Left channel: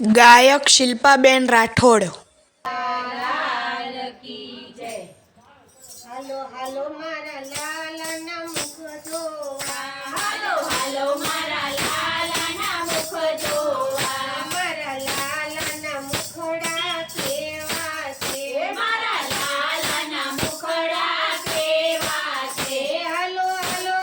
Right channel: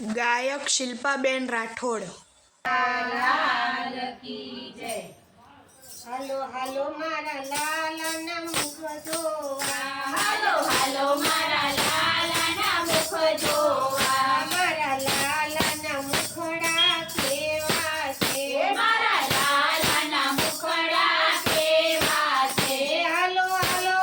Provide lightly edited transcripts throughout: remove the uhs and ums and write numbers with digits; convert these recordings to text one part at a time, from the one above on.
ગાયક શિલ્પાબેન રાઠોડ. લાલ કી જય. હાલો હાલો મારા લાલાના મુખ જોવા, હાલો હાલો મારા લાલાના મુખ જોવા, મારા લાલાના મુખડા કેવા છે, મારા લાલાના મુખડા કેવા છે. હાલો હાલો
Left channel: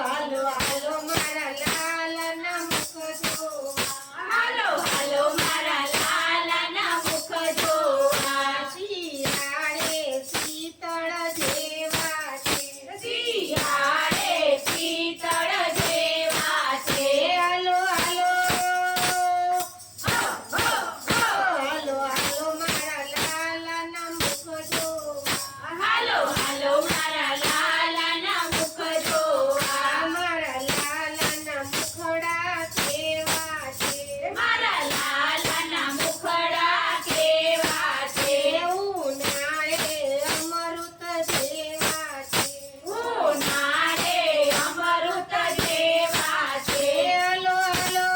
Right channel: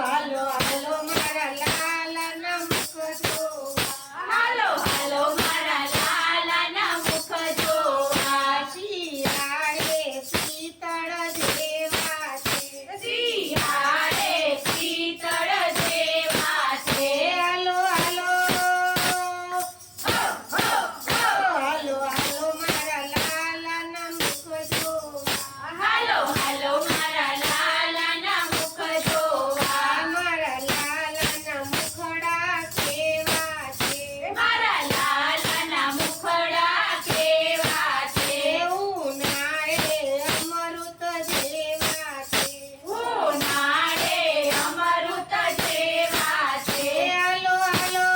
હાલો હાલો મારા લાલાના મુખ જોવા, હાલો હાલો મારા લાલાના મુખ જોવા. શિયાળે શીતળ જેવા છે, શિયાળે શીતળ જેવા છે. હાલો હાલો હાલો હાલો મારા લાલાના મુખ જોવા, હાલો હાલો મારા લાલાના મુખ જોવા, મારા લાલાના મુખડા કેવા છે, મારા લાલાના મુખડા કેવા છે. ઉનાળે અમૃત જેવા છે, ઉનાળે અમૃત જેવા છે. હાલો હાલો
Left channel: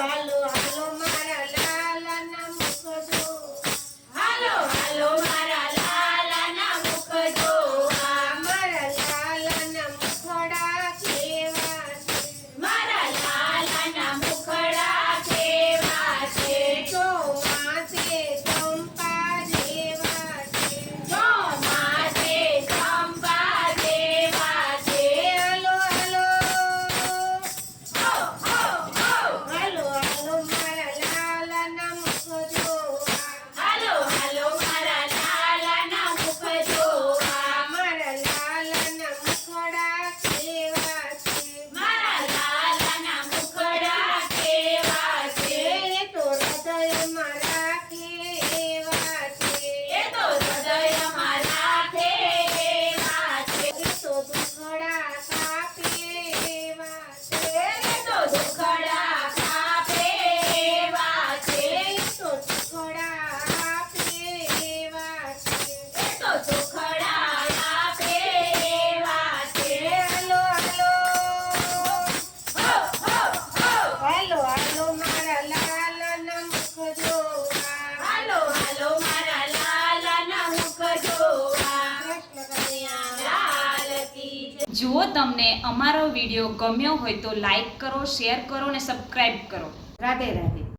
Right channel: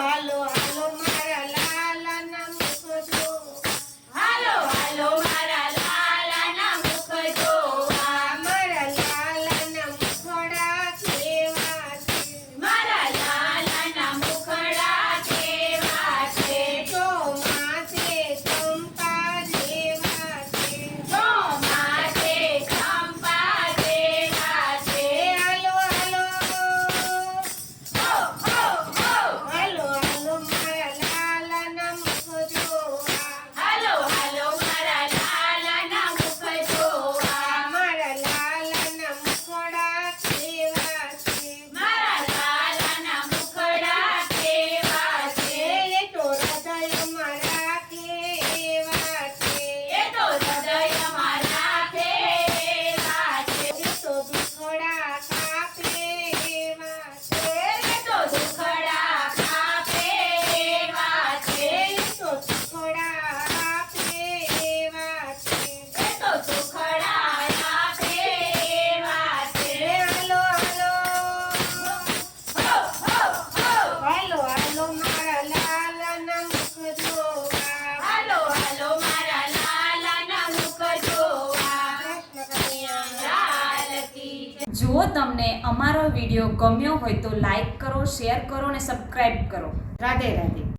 હાલો હાલો મારા લાલાના મુખ જોવા, હાલો હાલો મારા લાલાના મુખ જોવા, મારા લાલાના મુખડા કેવા છે, મારા લાલાના મુખડા કેવા છે. ચોમાસે ચંપા જેવા છે, ચોમાસે ચંપા જેવા છે. હાલો હાલો હાલો હાલો મારા લાલાના મુખ જોવા, હાલો હાલો મારા લાલાના મુખ જોવા, મારા લાલાના મુખડા કેવા છે, મારા લાલાના મુખડા કેવા છે. એ તો હૃદયમાં રાખે એવા છે, એ તો હૃદયમાં રાખે એવા છે. એ તો દુખડા કાપે એવા છે, એ તો દુખડા કાપે એવા છે. એ તો દુખડા આપે એવા છે, એ તો દુખડા આપે એવા છે. હાલો હાલો હાલો હાલો મારા લાલાના મુખ જોવા, હાલો હાલો મારા લાલાના મુખ જોવા. કૃષ્ણ કનૈયા લાલ કી જય. જો તમને અમારો વિડીયો ગમ્યો હોય તો લાઈક કરો, શેર કરો અને સબસ્ક્રાઈબ કરો. રાધે રાધે.